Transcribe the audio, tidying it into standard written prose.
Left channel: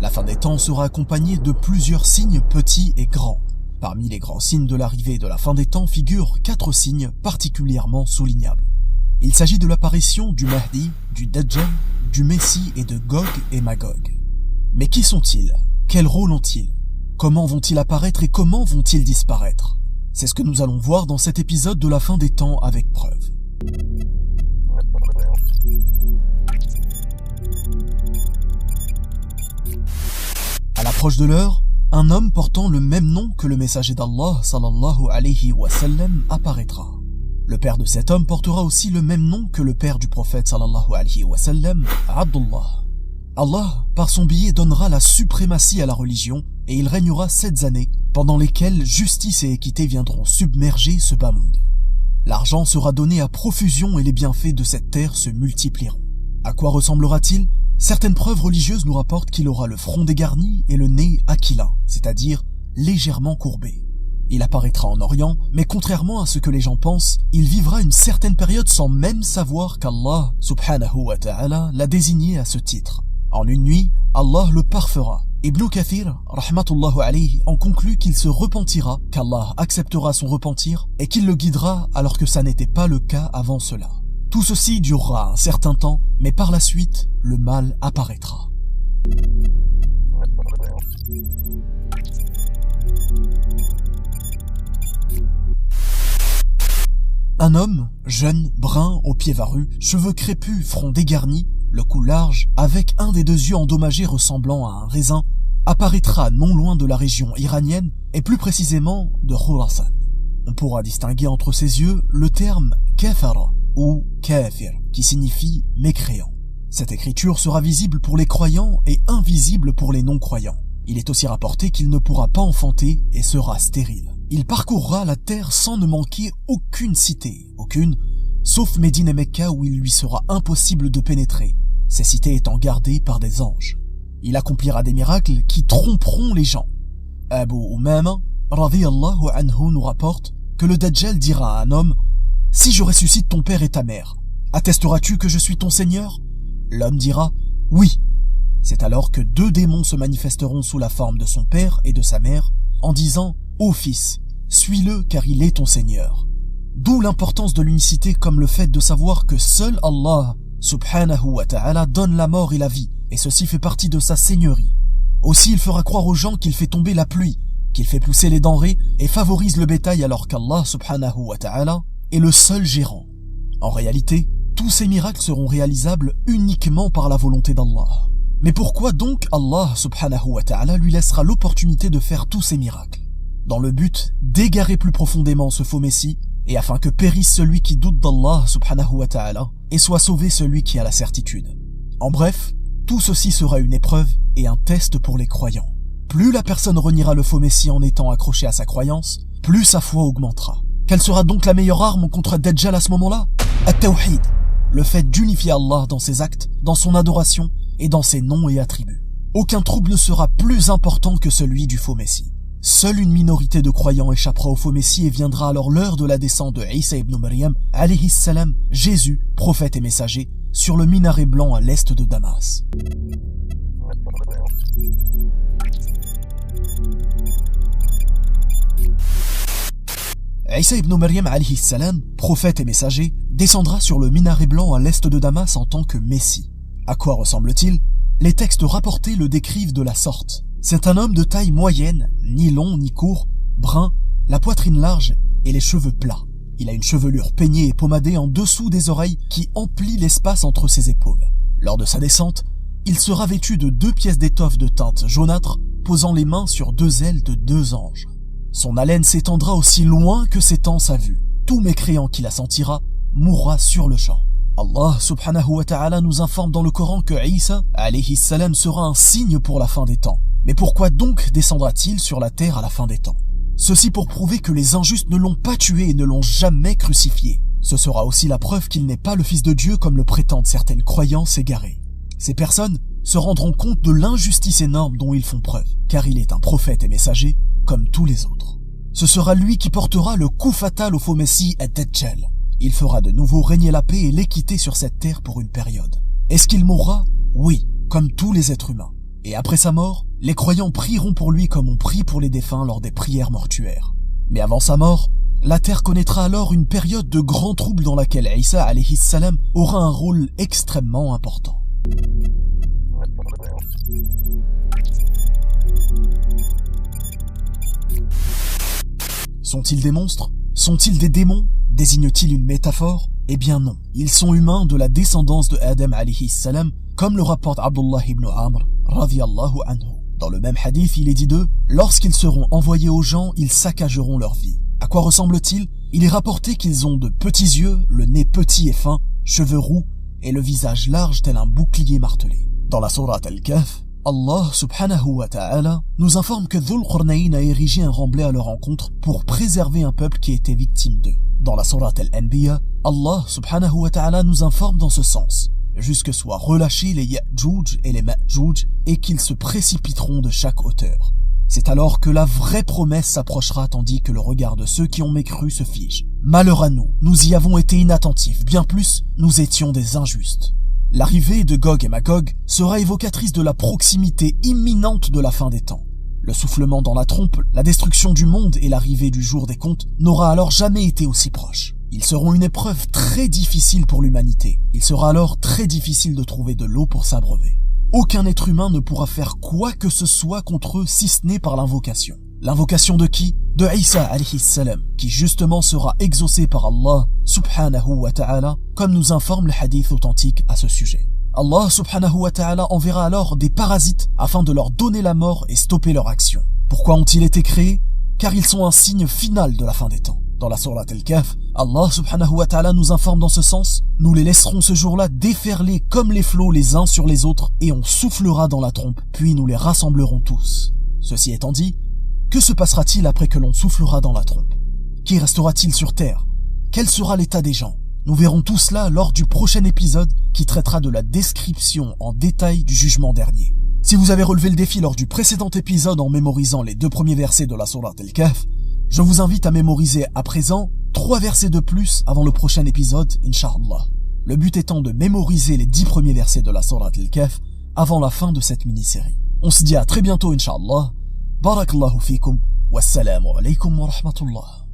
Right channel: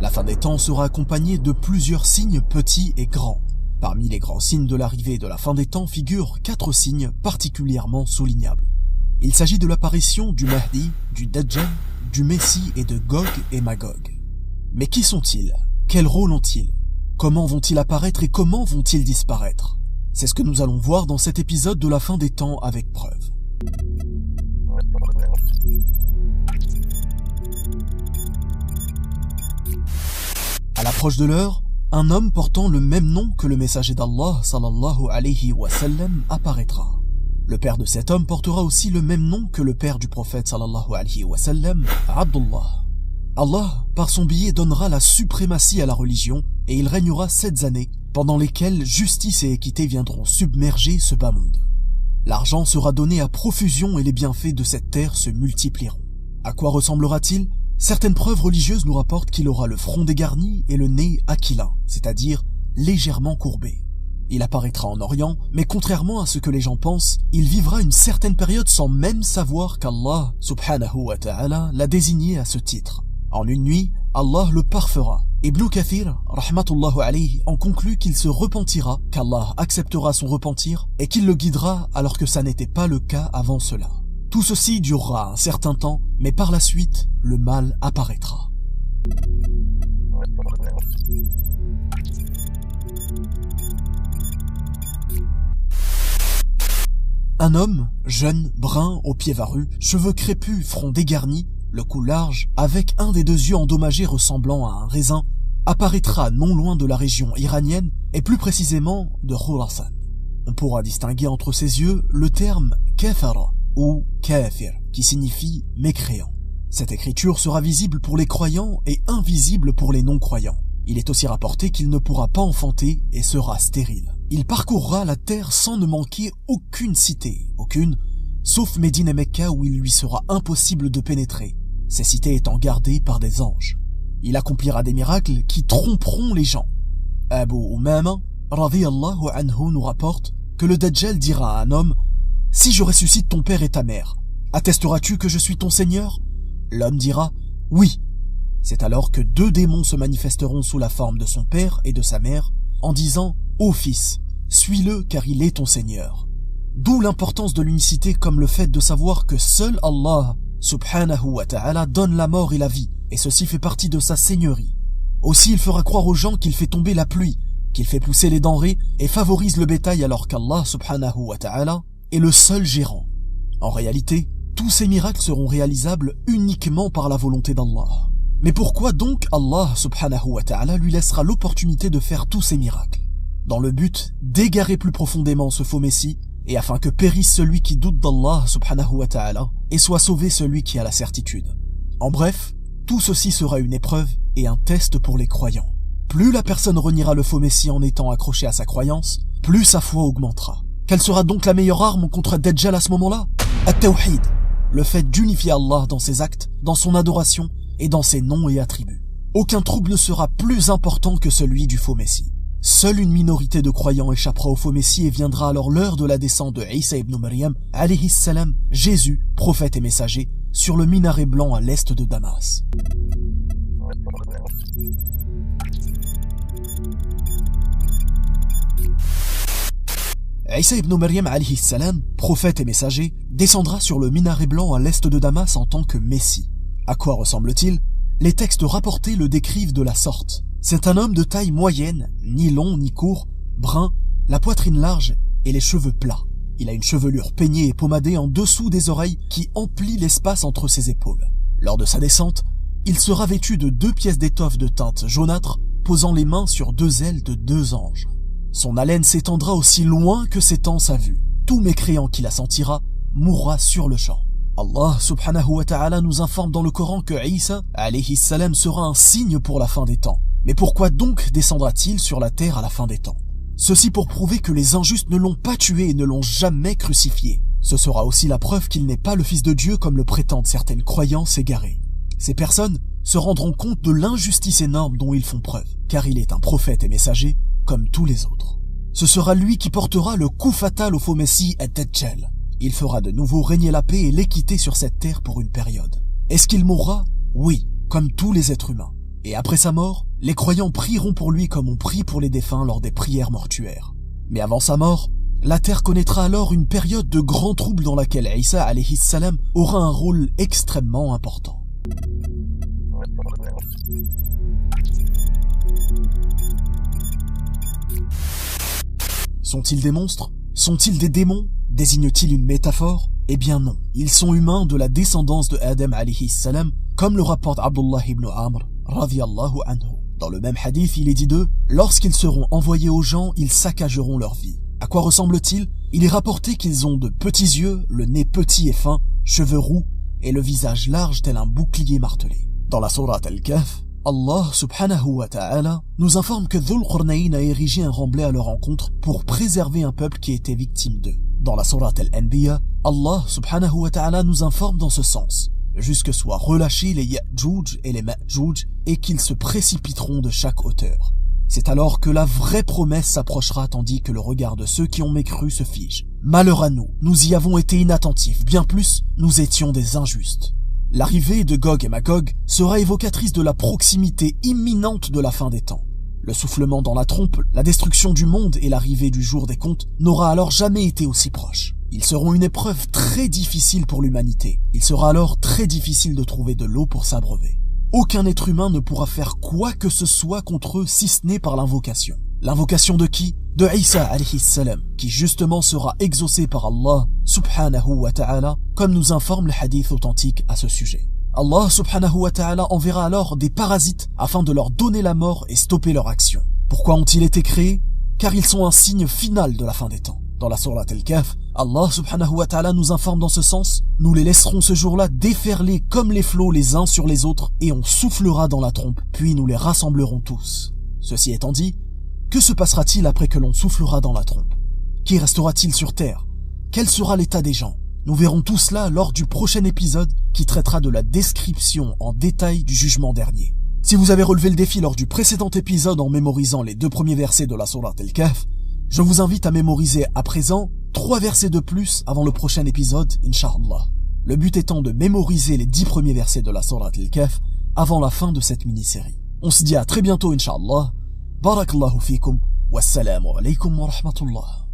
La fin des temps sera accompagnée de plusieurs signes petits et grands. Parmi les grands signes de l'arrivée de la fin des temps figurent 4 signes particulièrement soulignables. Il s'agit de l'apparition du Mahdi, du Dajjal, du Messie et de Gog et Magog. Mais qui sont-ils? Quel rôle ont-ils? Comment vont-ils apparaître et comment vont-ils disparaître? C'est ce que nous allons voir dans cet épisode de la fin des temps avec preuve. À l'approche de l'heure, un homme portant le même nom que le messager d'Allah sallallahu alayhi wa sallam apparaîtra. Le père de cet homme portera aussi le même nom que le père du prophète sallallahu alayhi wa sallam, Abdullah. Allah, par son biais, donnera la suprématie à la religion et il régnera 7 années, pendant lesquelles justice et équité viendront submerger ce bas monde. L'argent sera donné à profusion et les bienfaits de cette terre se multiplieront. À quoi ressemblera-t-il? Certaines preuves religieuses nous rapportent qu'il aura le front dégarni et le nez aquilin, c'est-à-dire légèrement courbé. Il apparaîtra en Orient, mais contrairement à ce que les gens pensent, il vivra une certaine période sans même savoir qu'Allah, subhanahu wa ta'ala, l'a désigné à ce titre. En une nuit, Allah le parfera. Ibn Kathir, rahmatullahu alayhi, en conclut qu'il se repentira, qu'Allah acceptera son repentir et qu'il le guidera alors que ça n'était pas le cas avant cela. Tout ceci durera un certain temps, mais par la suite, le mal apparaîtra. Un homme, jeune, brun, aux pieds varus, cheveux crépus, front dégarni, le cou large, avec un des 2 yeux endommagés ressemblant à un raisin, apparaîtra non loin de la région iranienne et plus précisément de Khurasan. On pourra distinguer entre ses yeux le terme kafara ou kafir qui signifie mécréant. Cette écriture sera visible pour les croyants et invisible pour les non-croyants. Il est aussi rapporté qu'il ne pourra pas enfanter et sera stérile. Il parcourra la terre sans ne manquer aucune cité, sauf Médine et Mecca où il lui sera impossible de pénétrer, ces cités étant gardées par des anges. Il accomplira des miracles qui tromperont les gens. Abu Umama, radiyallahu anhu, nous rapporte que le Dajjal dira à un homme « Si je ressuscite ton père et ta mère, attesteras-tu que je suis ton Seigneur ?» L'homme dira « Oui ». C'est alors que 2 démons se manifesteront sous la forme de son père et de sa mère, en disant « Ô fils, suis-le car il est ton Seigneur ». D'où l'importance de l'unicité comme le fait de savoir que seul Allah, subhanahu wa ta'ala, donne la mort et la vie, et ceci fait partie de sa seigneurie. Aussi il fera croire aux gens qu'il fait tomber la pluie, qu'il fait pousser les denrées et favorise le bétail alors qu'Allah, subhanahu wa ta'ala, est le seul gérant. En réalité, tous ces miracles seront réalisables uniquement par la volonté d'Allah. Mais pourquoi donc Allah, subhanahu wa ta'ala, lui laissera l'opportunité de faire tous ces miracles? Dans le but d'égarer plus profondément ce faux messie, et afin que périsse celui qui doute d'Allah, subhanahu wa ta'ala, et soit sauvé celui qui a la certitude. En bref, tout ceci sera une épreuve et un test pour les croyants. Plus la personne reniera le faux messie en étant accrochée à sa croyance, plus sa foi augmentera. Quelle sera donc la meilleure arme contre Dajjal à ce moment-là? At-Tawhid, le fait d'unifier Allah dans ses actes, dans son adoration et dans ses noms et attributs. Aucun trouble ne sera plus important que celui du faux messie. Seule une minorité de croyants échappera au faux messie et viendra alors l'heure de la descente de Isa ibn Maryam, alayhi salam, Jésus, prophète et messager, sur le minaret blanc à l'est de Damas. Isa ibn Maryam, alayhi salam, prophète et messager, descendra sur le minaret blanc à l'est de Damas en tant que Messie. À quoi ressemble-t-il? Les textes rapportés le décrivent de la sorte. C'est un homme de taille moyenne, ni long ni court, brun, la poitrine large et les cheveux plats. Il a une chevelure peignée et pommadée en dessous des oreilles qui emplit l'espace entre ses épaules. Lors de sa descente, il sera vêtu de 2 pièces d'étoffe de teinte jaunâtre, posant les mains sur 2 ailes de 2 anges. Son haleine s'étendra aussi loin que s'étend sa vue. Tout mécréant qui la sentira mourra sur le champ. Allah subhanahu wa ta'ala nous informe dans le Coran que Isa, alayhi salam, sera un signe pour la fin des temps. Mais pourquoi donc descendra-t-il sur la terre à la fin des temps? Ceci pour prouver que les injustes ne l'ont pas tué et ne l'ont jamais crucifié. Ce sera aussi la preuve qu'il n'est pas le fils de Dieu comme le prétendent certaines croyances égarées. Ces personnes se rendront compte de l'injustice énorme dont ils font preuve, car il est un prophète et messager comme tous les autres. Ce sera lui qui portera le coup fatal au faux messie Ad-Dajjal. Il fera de nouveau régner la paix et l'équité sur cette terre pour une période. Est-ce qu'il mourra? Oui, comme tous les êtres humains. Et après sa mort, les croyants prieront pour lui comme on prie pour les défunts lors des prières mortuaires. Mais avant sa mort, la terre connaîtra alors une période de grands troubles dans laquelle Isa alayhi salam aura un rôle extrêmement important. Sont-ils des monstres? Sont-ils des démons? Désigne-t-il une métaphore? Eh bien non, ils sont humains de la descendance de Adam alayhi salam, comme le rapporte Abdullah ibn Amr, radiyallahu anhu. Dans le même hadith, il est dit d'eux, lorsqu'ils seront envoyés aux gens, ils saccageront leur vie. À quoi ressemblent-ils? Il est rapporté qu'ils ont de petits yeux, le nez petit et fin, cheveux roux, et le visage large tel un bouclier martelé. Dans la sourate Al-Kahf, Allah subhanahu wa ta'ala nous informe que Dhul Qurnayn a érigé un remblai à leur encontre pour préserver un peuple qui était victime d'eux. Dans la sourate Al-Anbiya, Allah subhanahu wa ta'ala nous informe dans ce sens, jusque soient relâchés les Ya'juj et les Ma'juj et qu'ils se précipiteront de chaque hauteur. C'est alors que la vraie promesse s'approchera tandis que le regard de ceux qui ont mécru se fige. Malheur à nous, nous y avons été inattentifs, bien plus, nous étions des injustes. L'arrivée de Gog et Magog sera évocatrice de la proximité imminente de la fin des temps. Le soufflement dans la trompe, la destruction du monde et l'arrivée du jour des comptes n'aura alors jamais été aussi proche. Ils seront une épreuve très difficile pour l'humanité. Il sera alors très difficile de trouver de l'eau pour s'abreuver. Aucun être humain ne pourra faire quoi que ce soit contre eux si ce n'est par l'invocation. L'invocation de qui? De Isa alayhi salam, qui justement sera exaucé par Allah subhanahu wa ta'ala, comme nous informe le hadith authentique à ce sujet. Allah subhanahu wa ta'ala enverra alors des parasites afin de leur donner la mort et stopper leur action. Pourquoi ont-ils été créés? Car ils sont un signe final de la fin des temps. Dans la sourate Al-Kahf, Allah subhanahu wa ta'ala nous informe dans ce sens, nous les laisserons ce jour-là déferler comme les flots les uns sur les autres et on soufflera dans la trompe, puis nous les rassemblerons tous. Ceci étant dit, que se passera-t-il après que l'on soufflera dans la trompe? Qui restera-t-il sur terre? Quel sera l'état des gens? Nous verrons tout cela lors du prochain épisode qui traitera de la description en détail du jugement dernier. Si vous avez relevé le défi lors du précédent épisode en mémorisant les 2 premiers versets de la sourate Al-Kahf, je vous invite à mémoriser à présent 3 versets de plus avant le prochain épisode, Inch'Allah. Le but étant de mémoriser les 10 premiers versets de la sourate Al-Kahf avant la fin de cette mini-série. On se dit à très bientôt, Inch'Allah. Barakallahu fikum. Wassalamu alaykum wa rahmatullah.